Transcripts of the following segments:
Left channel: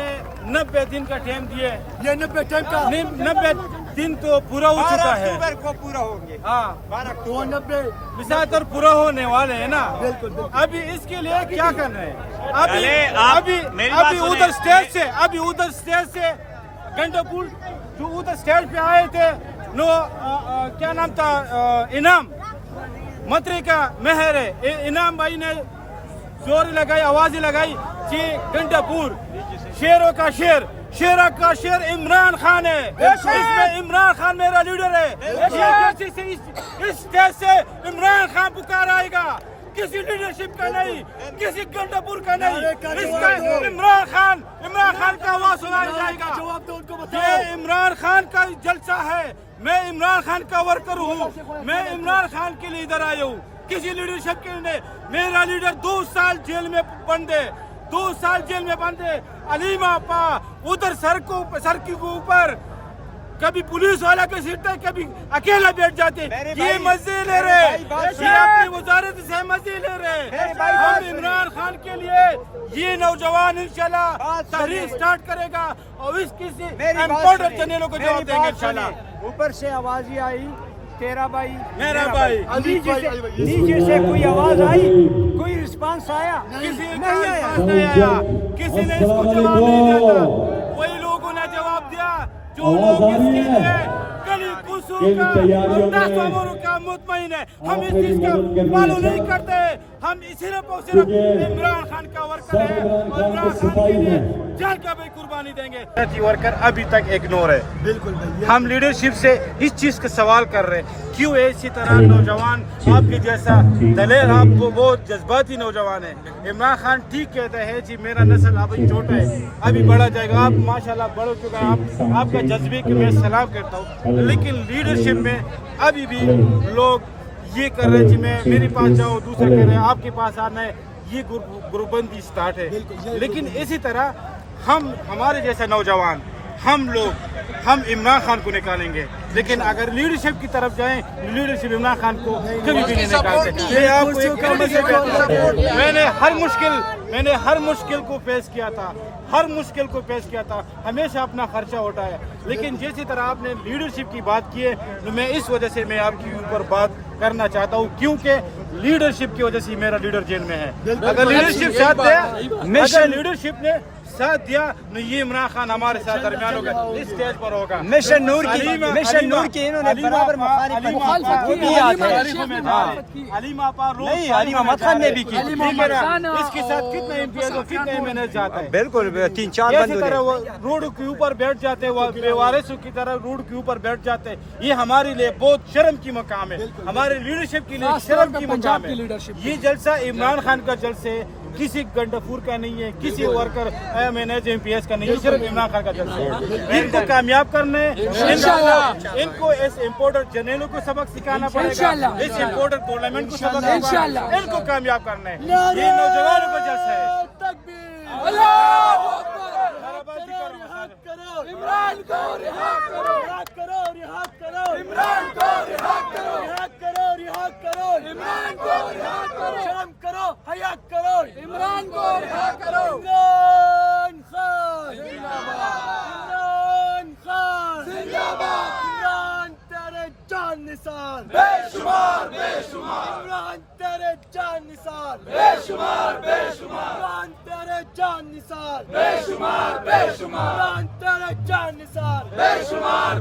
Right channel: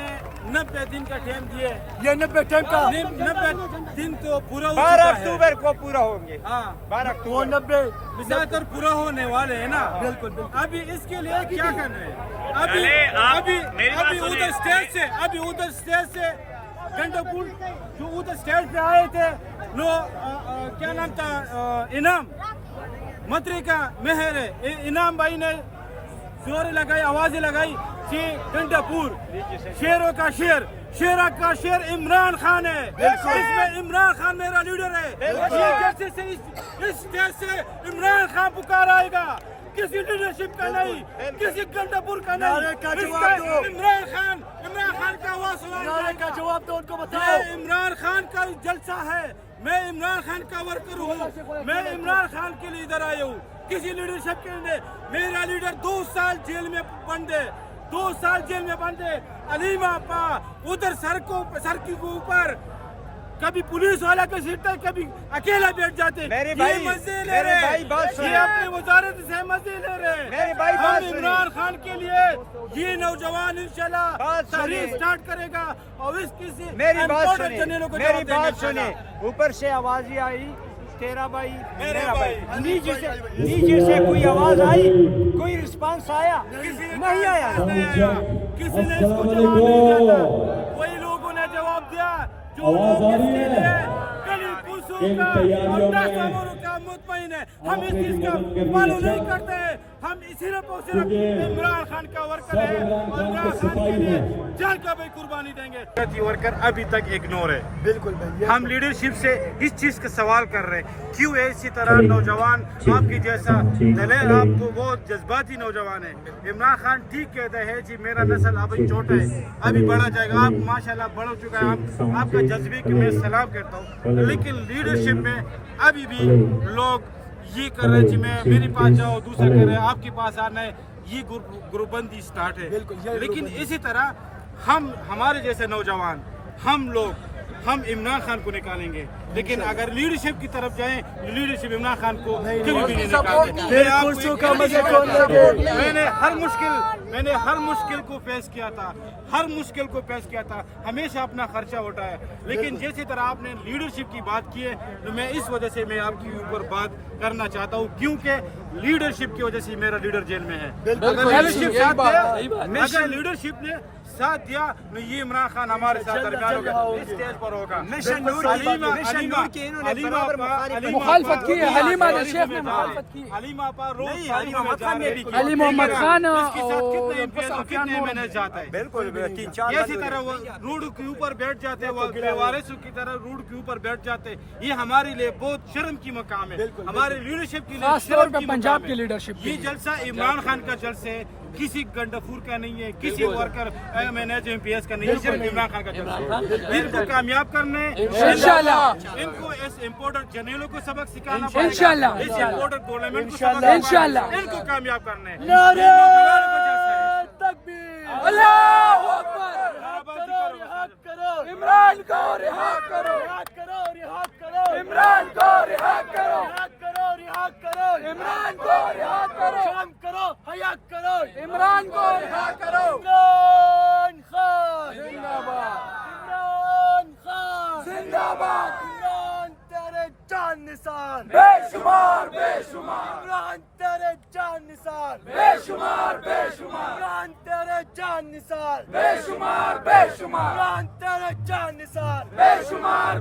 نے 90 दिन का टाइम दिए। ये 90 टाइम का 90 दिन तो पूरा हो चुका है। को पूरा हो गया। हाँ, वो 90 ज्यादातर पूरा होने वाले है ना। बिल्कुल बिल्कुल। अभी इसके लिए क्या कर रहे हैं? अभी अरे आप अभी मेरी बात अभी सुनिए। उधर स्टेज से गंडापुर जो उधर स्टेज पे आए थे, नो क्या नाम था, इनाम मंत्री का मेहर है, इनाम भाई ने जोर लगाई, आवाजें लगाई कि गंडापुर शेरों का शेर, शेरा का शेर इमरान खान है, इसमें इमरान खान मेरा लीडर है। इस स्टेज से इमरान खान पुकार आएगा, किसी लीडरशिप का नहीं, किसी गंडापुर का नहीं, इसका इमरान खान का आवाज सुनाया जाएगा। जवाब दो उनको, बताओ। ये इमरान खान का जलसा है, मैं इमरान खान का वर्कर हूँ, मैं इमरान खान के लिए इधर आया हूँ, किसी लीडरशिप के लिए। मेरा लीडर 2 साल जेल में बंद है, 2 साल जेल में बंद है। अलीमा आपा उधर सर के ऊपर कभी पुलिस वाला के सीट है, कभी अकेला बैठ जाते। ये मजे ले रहे, ये अपनी वजारत से मजे ले रहे। हम इमरान खान के लिए ये नौजवान इंशाल्लाह तहरीक स्टार्ट करेगा और इस किसी इम्पोर्टेंट चैनलों को जवाब देंगे इंशाल्लाह। ऊपर से आवाज ही आई, तेरा भाई मेरा भाई। नीचे से कोई आवाज आई, कोई रिस्पांस आया? नहीं आया, किसी ने इसको जवाब नहीं दिया था। वही लोगों ने जवाब दिया जो लोग इसके लिए गली कुसों का और 10 अमरों का मुतमईन है। हम इस चीज का फॉलो नहीं करते, हम सिर्फ और सिर्फ इमरान खान का वर्कर है और इमरान खान के लिए जान का भी कुर्बानी देंगे। वर्कर अभी तक इग्नोर है। बिल्कुल भाई। हम लीडरशिप से इस चीज का सवाल कर रहे हैं, क्यों इसी तरह नौजवान आपके जैसा दलेर, आप वो जज्बाती नौजवान है। इमरान खान ठीक कहता है जी मेरा नस्ल अभी छोटा है, अभी बढ़ा जाएगा। आप माशाल्लाह बढ़ चुका है, आपका जज्बे की मैं सलाम करता हूँ, लेकिन लीडरशिप में अभी भी लोग ये कर रहे हैं जी मैं मेरे पास जाओ, दूसरा कह रहे हैं आपके पास आना है। ये ग्रुपबंदी स्टार्ट है। लेकिन इसी तरह हमारे जैसे नौजवान हम इमरान खान को निकालेंगे, लेकिन अगर लीडरशिप की तरफ जाएं, लीडरशिप इमरान खान को कभी भी नहीं निकालते। मैं आपको एक मैंने हर मुश्किल को फेस किया था, हमेशा अपना खर्चा उठाया। लेकिन जिस तरह आपने लीडरशिप की बात की है, तो मैं इस वजह से मैं आपके ऊपर बात करना चाहता हूँ, क्योंकि लीडरशिप की वजह से मेरा लीडर जेल में है। अगर लीडरशिप ने साथ दिया नहीं, ये इमरान खान हमारे साथ दरमियान होगा, इस स्टेज पर होगा। मिशन नूर की इन्होंने बराबर मुखालिफत की। अलीमा आपा नहीं, अलीमा मखान ने भी की। इसके साथ कितने एमपीएस और कितने एमएनए जाता है। बिल्कुल 3-4 इसी तरह वो रोड के ऊपर बैठ जाते हैं, वारिसों की तरह रोड के ऊपर बैठ जाते हैं। ये हमारे लिए बहुत शर्म की मकाम है, हमारे लीडरशिप के लिए शर्म की मकाम है। ये जलसा इमरान खान का जलसा है, किसी गंडापुर का नहीं है, किसी वर्कर एमपीएस का नहीं है, सिर्फ इमरान खान का जलसा है। इनको कामयाब करने, इनको इस इम्पोर्टर जनरलों को सबक सिखाना पड़ेगा, इस इम्पोर्टर गवर्नमेंट को सबक सिखाना, इनको कामयाब करना है। ये नौजवानों का जलसा है। नाराबाजी करो, इमरान को रिहा करो, रिहा करो, इमरान को रिहा करो, रिहा करो, इमरान को रिहा करो, शर्म करो, हया करो, इमरान को रिहा करो। इमरान खान जिंदाबाद, इमरान तेरे जान निसार बेशुमार, इमरान तेरे जान निसार बेशुमार, इमरान तेरे जान निसार बेशुमार, इमरान तेरे जान निसार बेशुमार,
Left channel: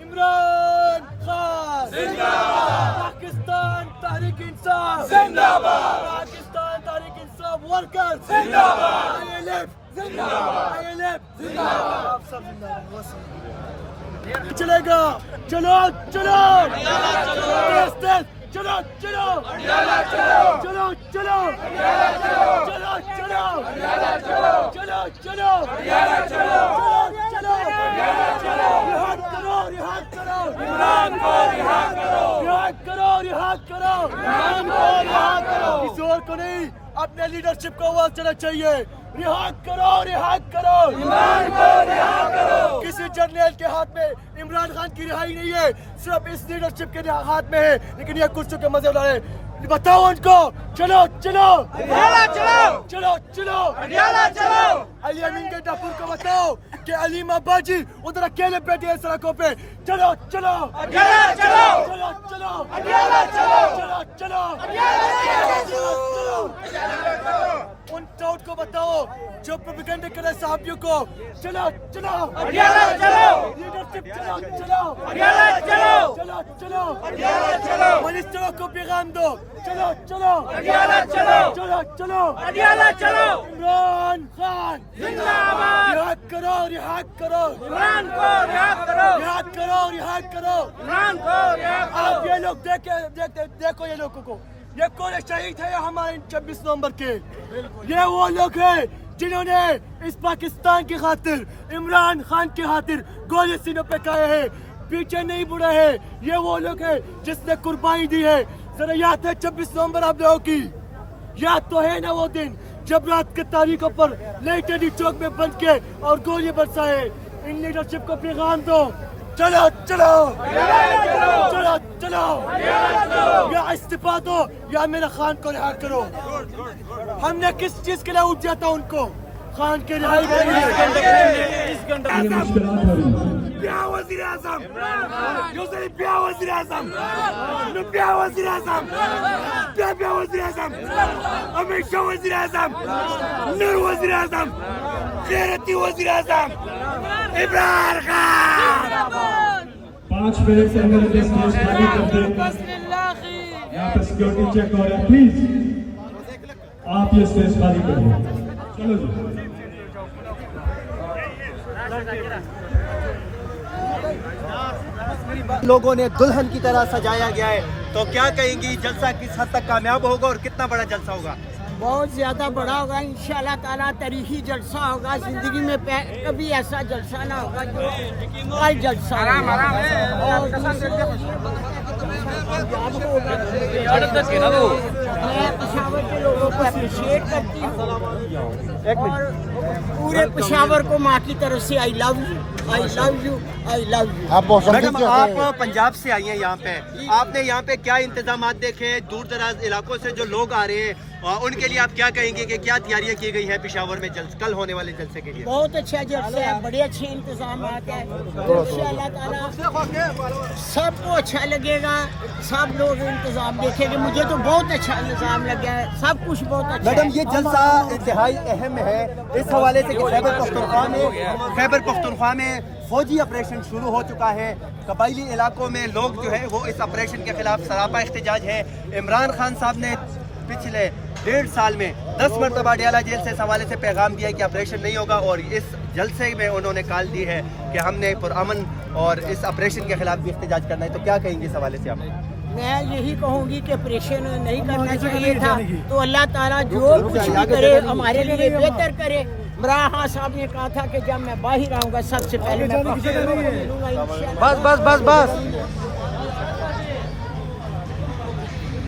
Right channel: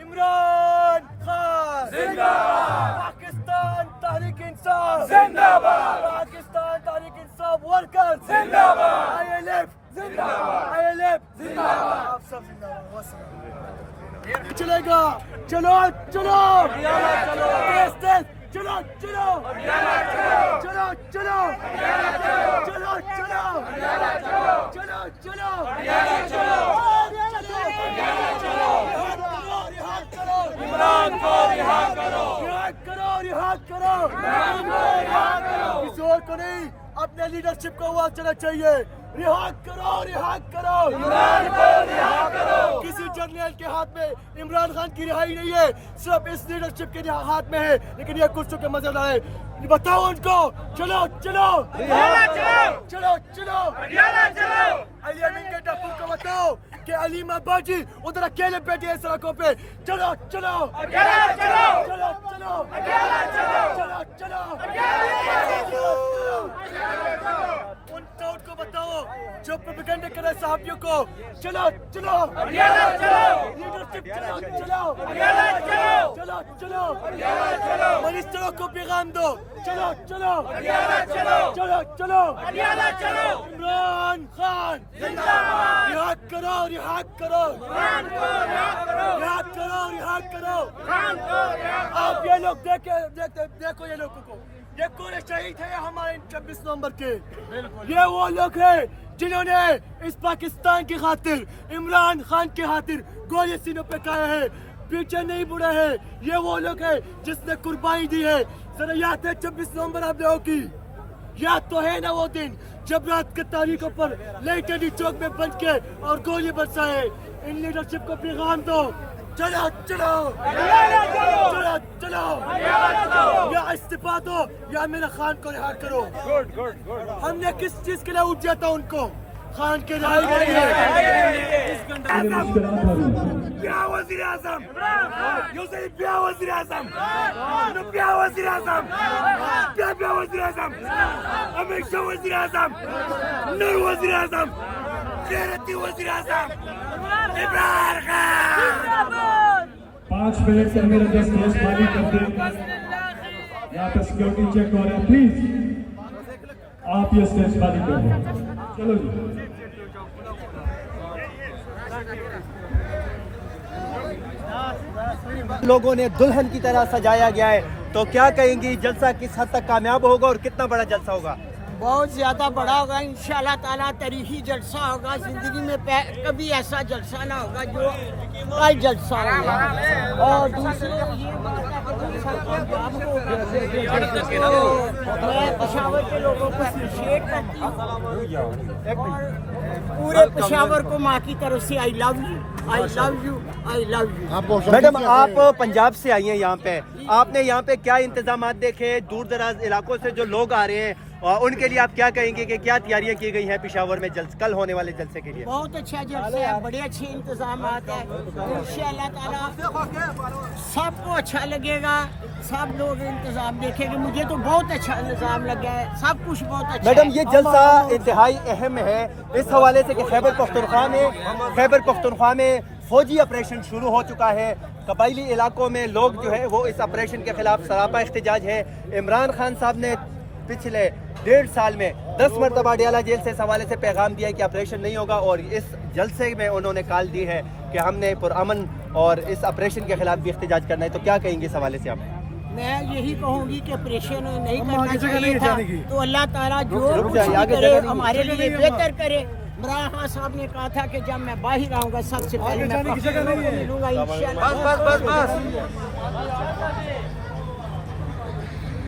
इमरान खान जिंदाबाद, पाकिस्तान तहरीक इंसाफ जिंदाबाद, पाकिस्तान तहरीक इंसाफ वर्कर जिंदाबाद, ILF जिंदाबाद, आप सब जिंदाबाद। चलेगा, चलो चलो, तेज तेज, चलो चलो, चलो चलो, चलो चलो, इमरान को रिहा करो, रिहा करो, किसी और को नहीं, अपने लीडरशिप को आवाज चलना चाहिए। रिहा करो, किसी जर्नल के हाथ में इमरान खान की रिहाई नहीं है, सिर्फ इस लीडरशिप के हाथ में है। लेकिन ये कुछ के मजे लाए बताओ उनको, चलो चलो चलो चलो अली अमीन के टप्पू को बताओ कि अलीम अब्बाजी उधर अकेले बैठे हैं सड़कों पे। चलो चलो चलो चलो चलो चलो चलो उन टाउट को बताओ जो प्रोपेगेंडा कर रहे साहबियों को। चलो चलो लीडरशिप चलो चलो चलो चलो मिनिस्टरों को पैगाम दो। चलो चलो चलो चलो इमरान खान रिहा करो रिहा करो रिहा करो रिहा करो। आप ये लोग देखो ये लोगों को, ये कौन शहीद है हमारे 26 नवंबर के? ये वो लोग हैं जिन्होंने इस पाकिस्तान की खातिर, इमरान खान की खातिर गोली सीनों पे खाए हैं, पीछे नहीं मुड़े हैं। ये वो लोग हैं जिसने कुर्बानी दी है। जरा याद है 26 नवंबर आप लोगों की? याद तो है ना वो दिन जब रात के तारीखों पर लेटेडी चौक में बंद के और गोली बरसाए। इन लीडरशिप को पैगाम दो। चलो चलो चलो चलो या इस्तीफा दो या मेरा खान को रिहा करो। हमने किस चीज के लिए उठ जाता उनको? खान के रिहाई के लिए। क्या वज़ीर आज़म यूसुफ क्या वज़ीर आज़म क्या वज़ीर आज़म क्या वज़ीर आज़म हमेशा वज़ीर आज़म नए वज़ीर आज़म गैरती वज़ीर आज़म इमरान खान। 5 मिनट से मेरे देश में खाली कर दे। यहाँ पे सिक्योरिटी चेक हो रहा है, प्लीज आप ये स्टेज खाली कर दें। चलो जी। लोगों ने दुल्हन की तरह सजाया गया है, तो क्या कहेंगी जलसा किस हद तक कामयाब होगा और कितना बड़ा जलसा होगा? बहुत ज़्यादा बड़ा होगा इंशाल्लाह ताला। तारीखी जलसा होगा, ज़िंदगी में कभी ऐसा जलसा ना होगा जो कल जलसा होगा। और दूसरी मैं पेशावर के लोगों को अप्रिशिएट करती हूँ और पूरे पेशावर को माँ की तरफ से I love you I love you I love you. Madam आप पंजाब से आई हैं यहाँ पे, आपने यहाँ पे क्या इंतजाम देखे? दूर दराज इलाकों से जो लोग आ रहे हैं और उनके लिए आप क्या कहेंगे कि क्या तैयारियां की गई हैं पेशावर में कल होने वाले जलसे के लिए? बहुत अच्छा जलसा है, बड़े अच्छे इंतजाम है। इंशाअल्लाह ताला सबको अच्छा लगेगा, सब लोग इंतजाम देखेंगे। मुझे तो बहुत अच्छा इंतजाम लगा है, सब कुछ बहुत अच्छा मैडम है। ये जलसा इंतहाई अहम है इस हवाले से कि खैबर पख्तूनख्वा में फौजी ऑपरेशन शुरू हो चुका है। कबायली इलाकों में लोग जो है वो इस ऑपरेशन के खिलाफ सरापा एहतजाज है। इमरान खान साहब ने पिछले 1.5 साल में 10 मरतबा अडियाला जेल से इस हवाले से पैगाम दिया है कि ऑपरेशन नहीं होगा, और इस जलसे में उन्होंने कॉल दी है कि हमने पुरअमन और इस ऑपरेशन के खिलाफ भी एहतजाज करना है। तो क्या कहेंगे इस हवाले से आप? मैं यही कहूँगी कि ऑपरेशन नहीं करना चाहिए था, तो अल्लाह ताला जो कुछ भी करे हमारे लिए बेहतर करे। इमरान खान साहब ने कहा था कि जब मैं बाहर आऊँगा सबसे पहले मैं मिलूंगा इंशाअल्लाह। बस